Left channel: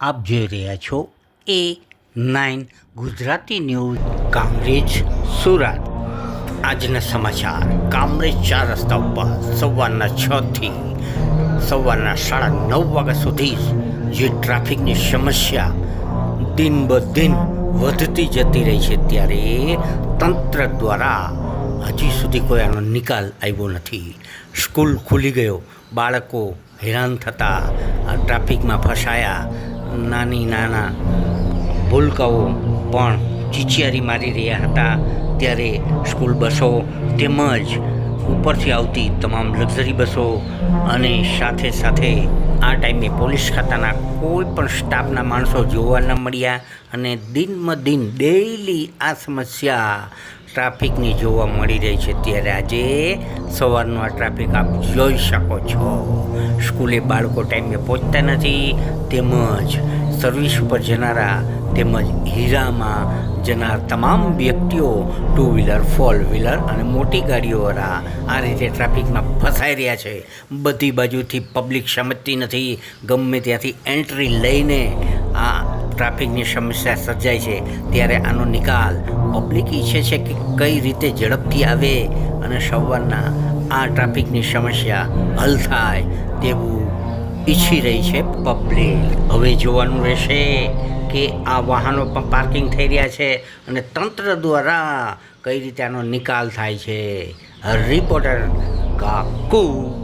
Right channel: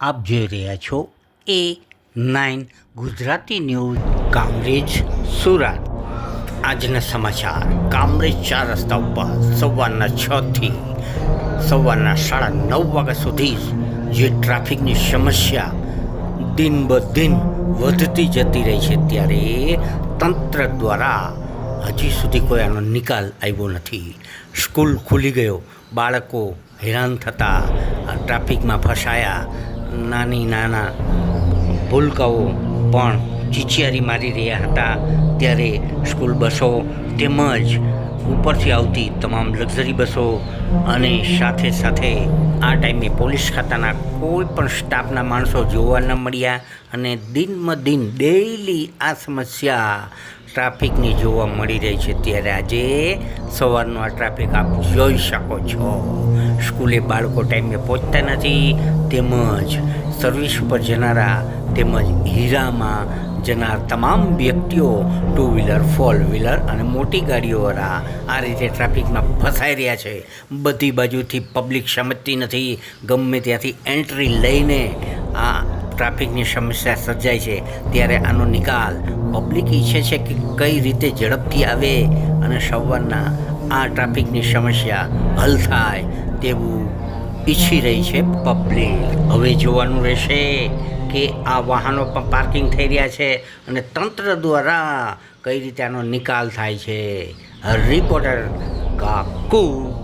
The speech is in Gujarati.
આપ જોઈ રહ્યા છો A9 ગુજરાતી ન્યૂઝ કામરેજ સુરત. આજના સમાચાર. કામરેજ 4 રસ્તા ઉપર સવારના 6 થી સવારના 9:30 વાગ્યા સુધી જે ટ્રાફિકની સમસ્યા દિન બ દિન વધતી જતી રહી છે, ત્યારે તંત્ર દ્વારા હજી સુધી કોઈ આનો નિકાલ આવ્યો નથી. સ્કૂલ ખુલી ગયો, બાળકો હેરાન થતા, ટ્રાફિકમાં ફસાયા, નાના ભૂલકાઓ પણ ચીચિયારી મારી રહ્યા હતા. ત્યારે સ્કૂલ બસો તેમજ ઉપરથી આવતી તમામ લક્ઝરી બસો અને સાથે સાથે આ ટાઈમે પોલીસ ખાતાના કોઈ પણ સ્ટાફના માણસો જોવા ન મળ્યા અને દિન ડેઈલી આ સમસ્યા ટ્રાફિકની જોવા મળી રહી છે. ત્યારે આજે સવારનો આ ટ્રાફિક આપ જોઈ શકો છો. સ્કૂલે બાળકો ટાઈમે પહોંચતા નથી, તેમજ સર્વિસ ઉપર જનારા તેમજ હીરામાં જનાર તમામ વ્યક્તિઓ 2 વ્હીલર 4 વ્હીલર અને મોટી ગાડીઓવાળા આ રીતે ટ્રાફિકમાં ફસાઈ રહ્યા છે. બધી બાજુથી પબ્લિક સમજતી નથી, ગમે ત્યાંથી એન્ટ્રી લઈને આ ટ્રાફિકની સમસ્યા સર્જાય છે. ત્યારે આનો નિકાલ પબ્લિક ઈચ્છે છે કે કઈ રીતે ઝડપથી આવે અને સવારના આ ટ્રાફિકની સમસ્યા હલ થાય તેવું ઈચ્છી રહી છે પબ્લિક. હવે જોવાનું રહેશે કે આ વાહનો પણ પાર્કિંગ થઈ રહ્યા છે અને તંત્ર દ્વારા કઈ રીતે આનો નિકાલ થાય છે. રિપોર્ટર કાકુ.